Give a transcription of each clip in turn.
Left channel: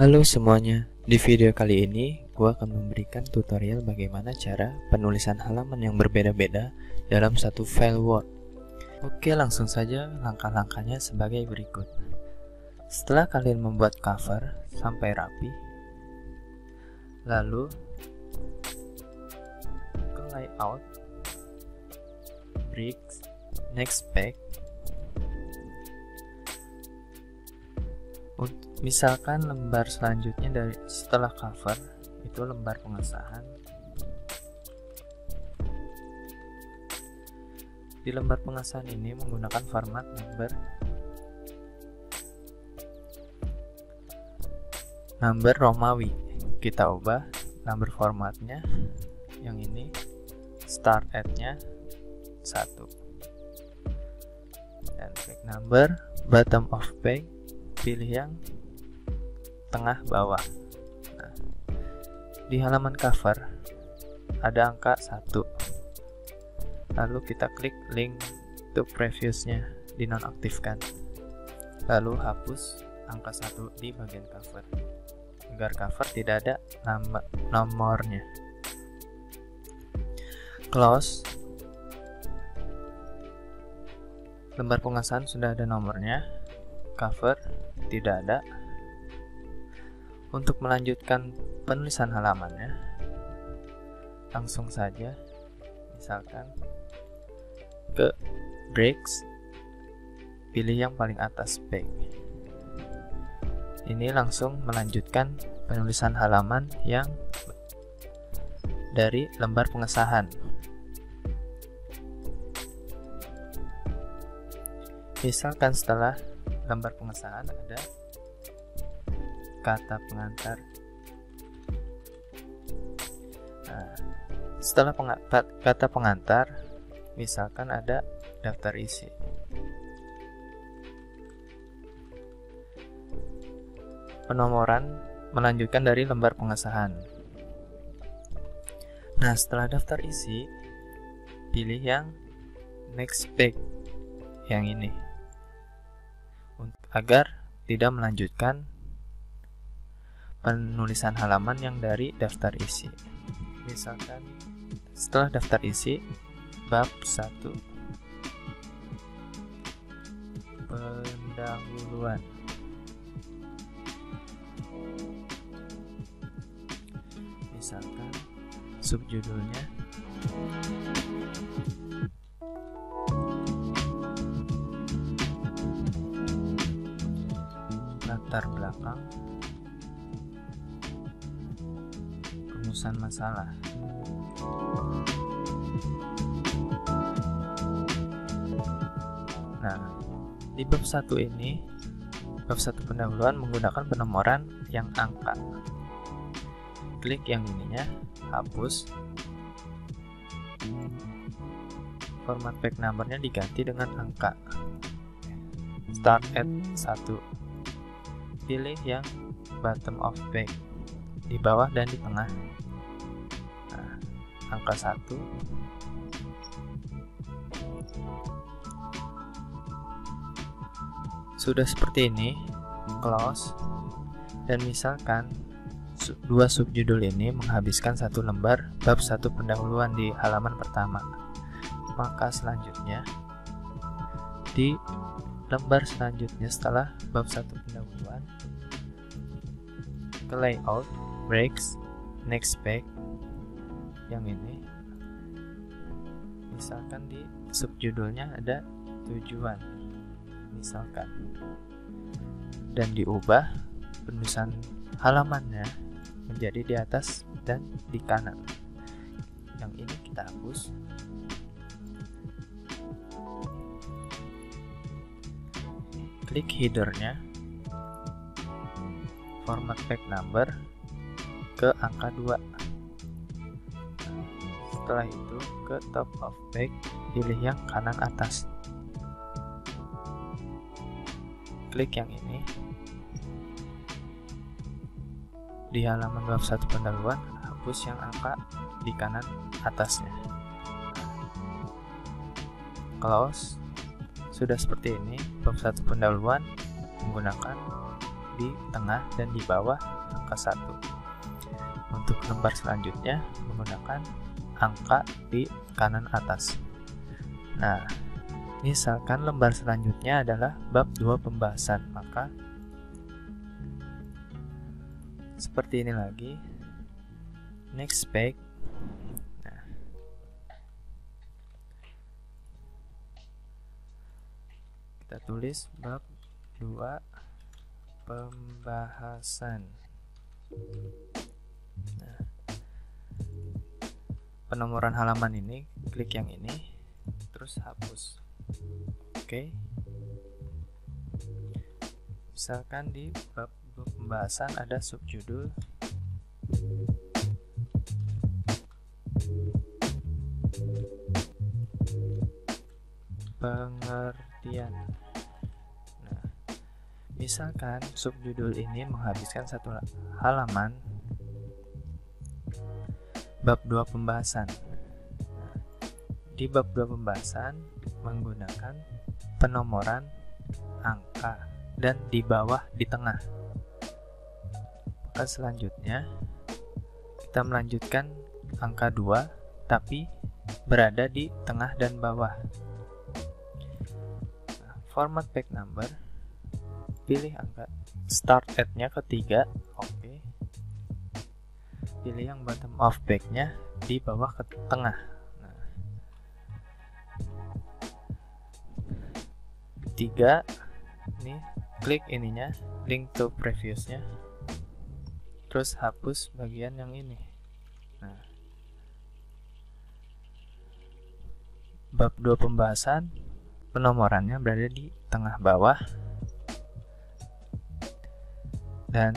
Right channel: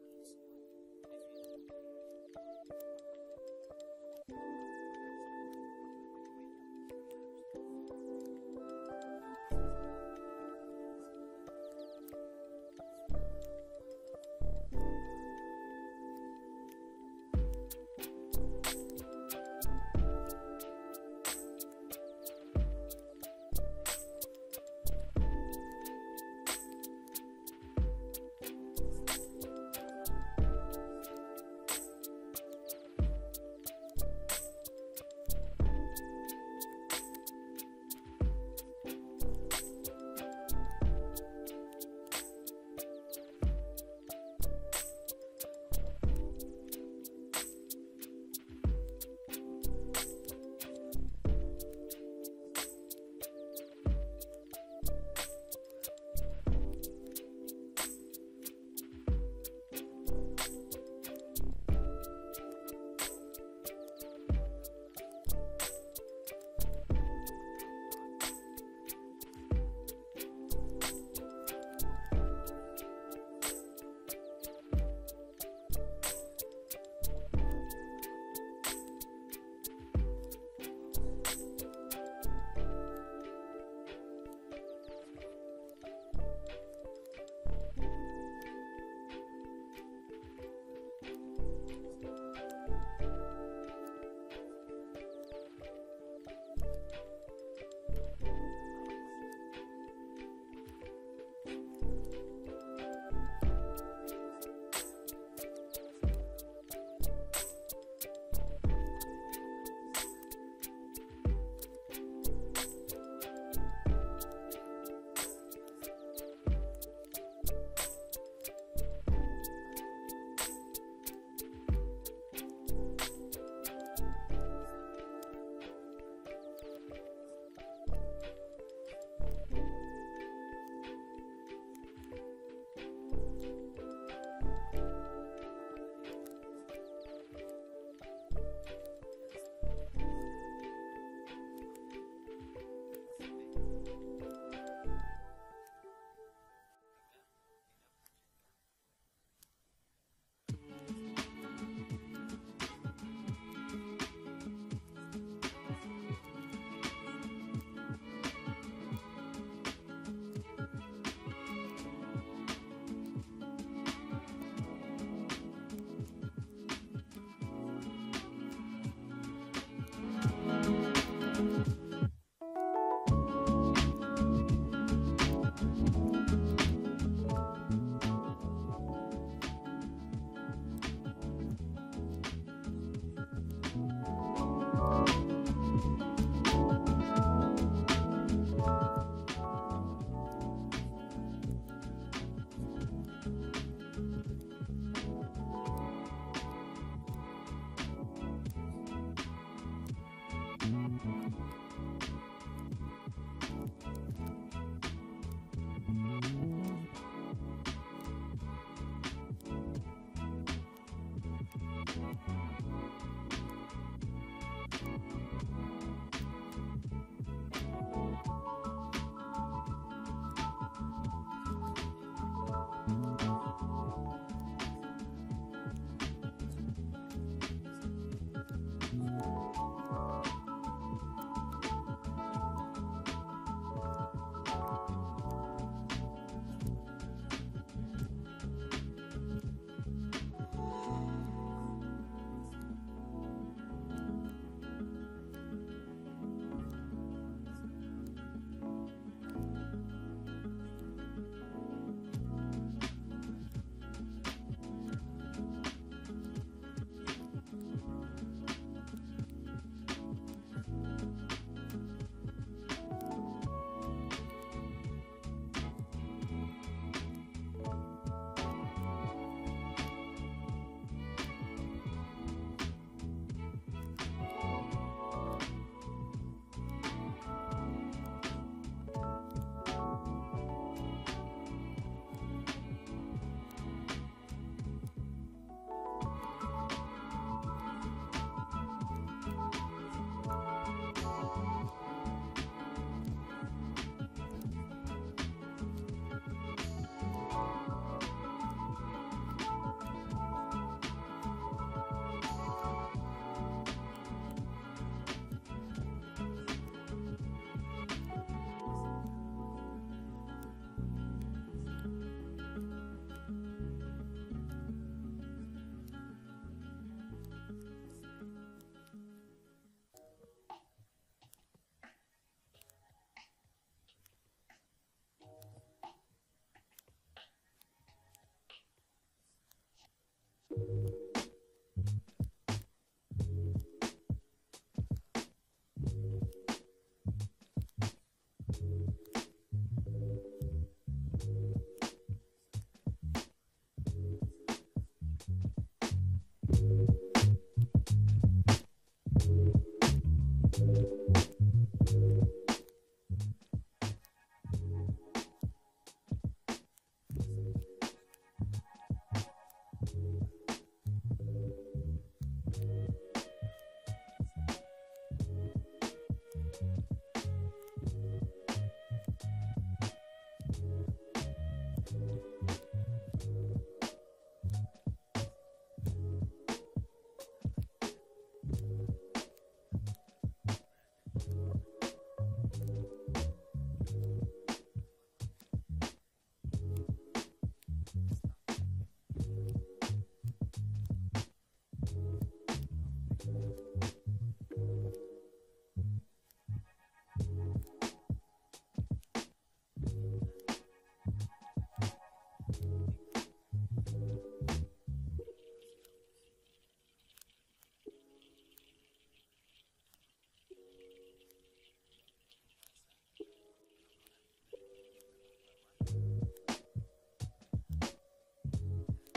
Halo semuanya, di video kali ini gue akan memberikan tutorial bagaimana cara penulisan halaman yang berbeda-beda dalam satu file Word. Oke, langsung saja langkah-langkahnya sebagai berikut. Setelah kalian membuat cover sampai rapi, lalu ke layout, bricks, next page. Misalkan lembar selanjutnya dari setelah cover itu lembar pengesahan. Di lembar pengesahan ini menggunakan format number Romawi. Kita ubah number formatnya yang ini, start at-nya 1, dan page number bottom of page pilih yang tengah bawah. Nah, di halaman cover ada angka 1, lalu kita klik link to previousnya, dinonaktifkan, lalu hapus angka 1 di bagian cover agar cover tidak ada nomornya. Close. Lembar pengesahan sudah ada nomornya, cover tidak ada. Untuk melanjutkan penulisan halamannya, langsung saja misalkan ke bricks, pilih yang paling atas page. Ini langsung melanjutkan penulisan halaman yang dari lembar pengesahan. Misalkan setelah lembar pengesahan ada kata pengantar. Nah, setelah kata pengantar, misalkan ada daftar isi. Penomoran melanjutkan dari lembar pengesahan. Nah, setelah daftar isi, pilih yang next page yang ini agar tidak melanjutkan penulisan halaman yang dari daftar isi. Misalkan setelah daftar isi bab 1 pendahuluan, misalkan subjudulnya latar belakang masalah. Nah, di bab 1 ini, bab 1 pendahuluan menggunakan penomoran yang angka. Klik yang ininya, hapus. Format page numbernya diganti dengan angka. Start at 1. Pilih yang bottom of page, di bawah dan di tengah. Nah, angka 1. Sudah seperti ini, close. Dan misalkan dua subjudul ini menghabiskan satu lembar bab 1 pendahuluan di halaman pertama, maka selanjutnya di lembar selanjutnya setelah bab 1 pendahuluan, ke layout, breaks, next page yang ini, misalkan di subjudulnya ada tujuan misalkan, dan diubah penulisan halamannya menjadi di atas dan di kanan. Yang ini kita hapus. Klik headernya, format page number ke angka 2. Setelah itu ke top of page, pilih yang kanan atas. Klik yang ini. Di halaman bab 1 pendahuluan, hapus yang angka di kanan atasnya. Close. Sudah seperti ini, bab 1 pendahuluan menggunakan di tengah dan di bawah angka 1. Untuk lembar selanjutnya menggunakan angka di kanan atas. Nah, misalkan lembar selanjutnya adalah bab 2 pembahasan, maka seperti ini lagi. Next page. Nah, kita tulis bab 2 pembahasan. Nah, penomoran halaman ini, klik yang ini, terus hapus. Oke. Misalkan di bab pembahasan ada subjudul pengertian. Nah, misalkan subjudul ini menghabiskan satu halaman bab 2 pembahasan. Di bab 2 pembahasan menggunakan penomoran angka dan di bawah di tengah. Maka selanjutnya kita melanjutkan angka 2 tapi berada di tengah dan bawah. Nah, format page number, pilih angka start at-nya ketiga, oke. Pilih yang bottom of page-nya di bawah ke tengah. Nah, 3 ini klik ininya, link to previous-nya, terus hapus bagian yang ini. Nah, bab 2 pembahasan penomorannya berada di tengah bawah dan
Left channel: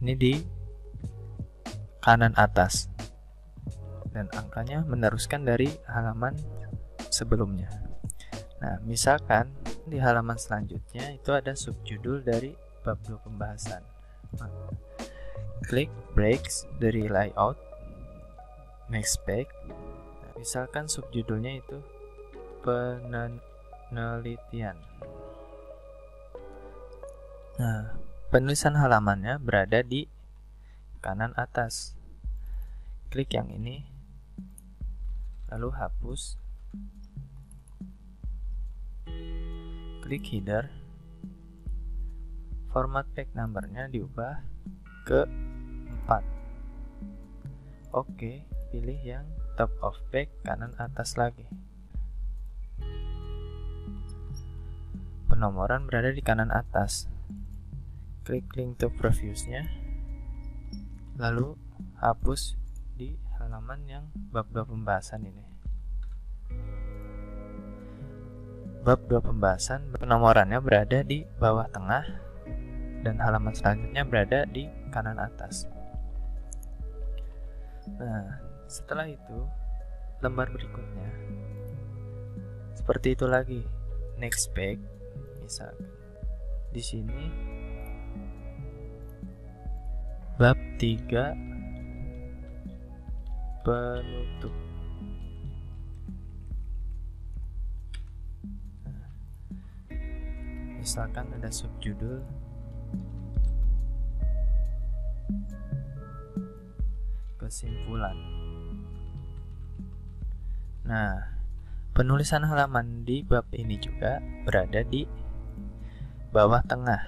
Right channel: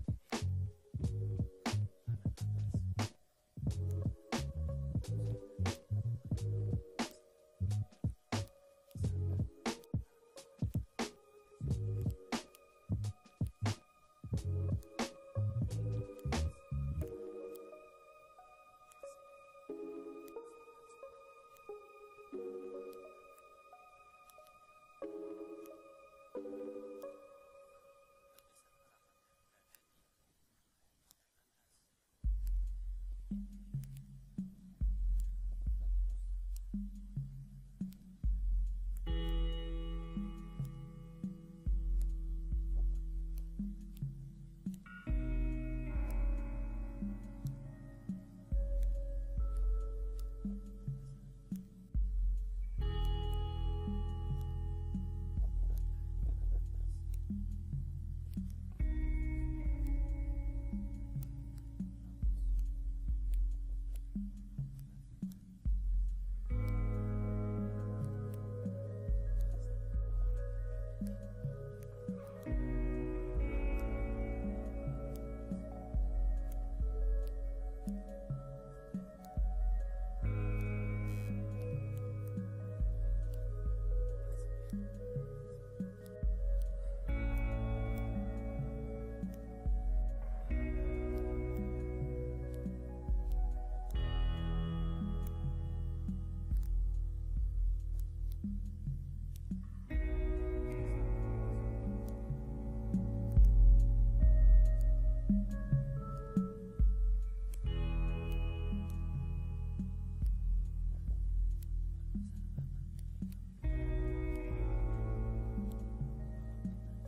ini di kanan atas, dan angkanya meneruskan dari halaman sebelumnya. Nah, misalkan di halaman selanjutnya itu ada subjudul dari bab 2 pembahasan. Klik breaks dari layout, next page. Nah, misalkan subjudulnya itu penelitian. Nah, penulisan halamannya berada di kanan atas. Klik yang ini, lalu hapus. Klik header. Format page number-nya diubah ke 4. Oke, pilih yang top of page kanan atas lagi. Penomoran berada di kanan atas. Klik link to previous-nya, lalu hapus di halaman yang bab 2 pembahasan ini. Bab 2 pembahasan penomorannya berada di bawah tengah dan halaman selanjutnya berada di kanan atas. Nah, setelah itu lembar berikutnya seperti itu lagi. Next page, misal di sini bab 3 penutup. Misalkan ada subjudul kesimpulan. Nah, penulisan halaman di bab ini juga berada di bawah tengah.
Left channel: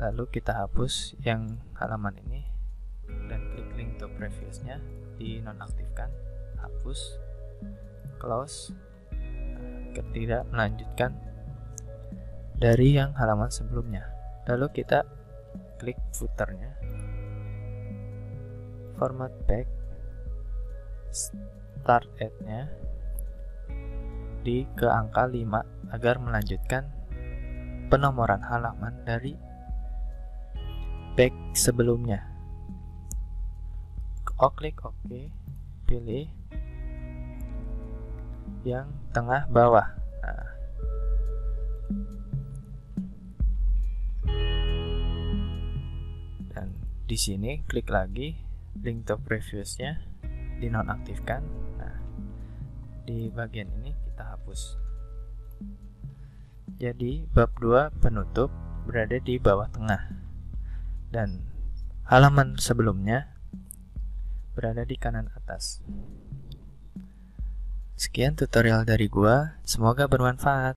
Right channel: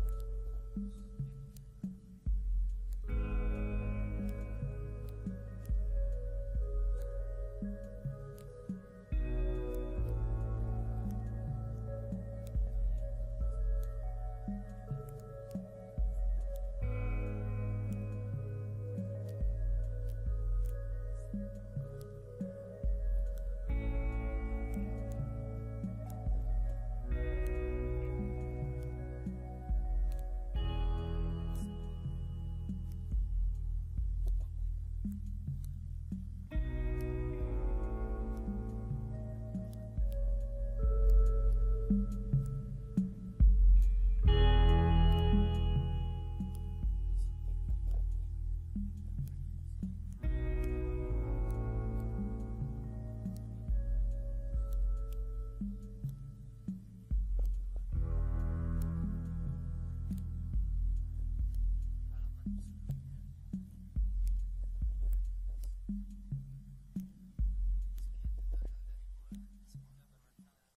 Lalu kita hapus yang halaman ini dan klik link to previous-nya, dinonaktifkan, hapus, close, tidak melanjutkan dari yang halaman sebelumnya. Lalu kita klik footer-nya, format page, start at-nya di ke angka 5 agar melanjutkan penomoran halaman dari page sebelumnya. Klik OK, pilih yang tengah bawah. Nah, dan di sini klik lagi link to previous-nya, dinonaktifkan. Nah, di bagian ini kita hapus. Jadi bab 2 penutup berada di bawah tengah. dan halaman sebelumnya berada di kanan atas. Sekian tutorial dari gua, semoga bermanfaat.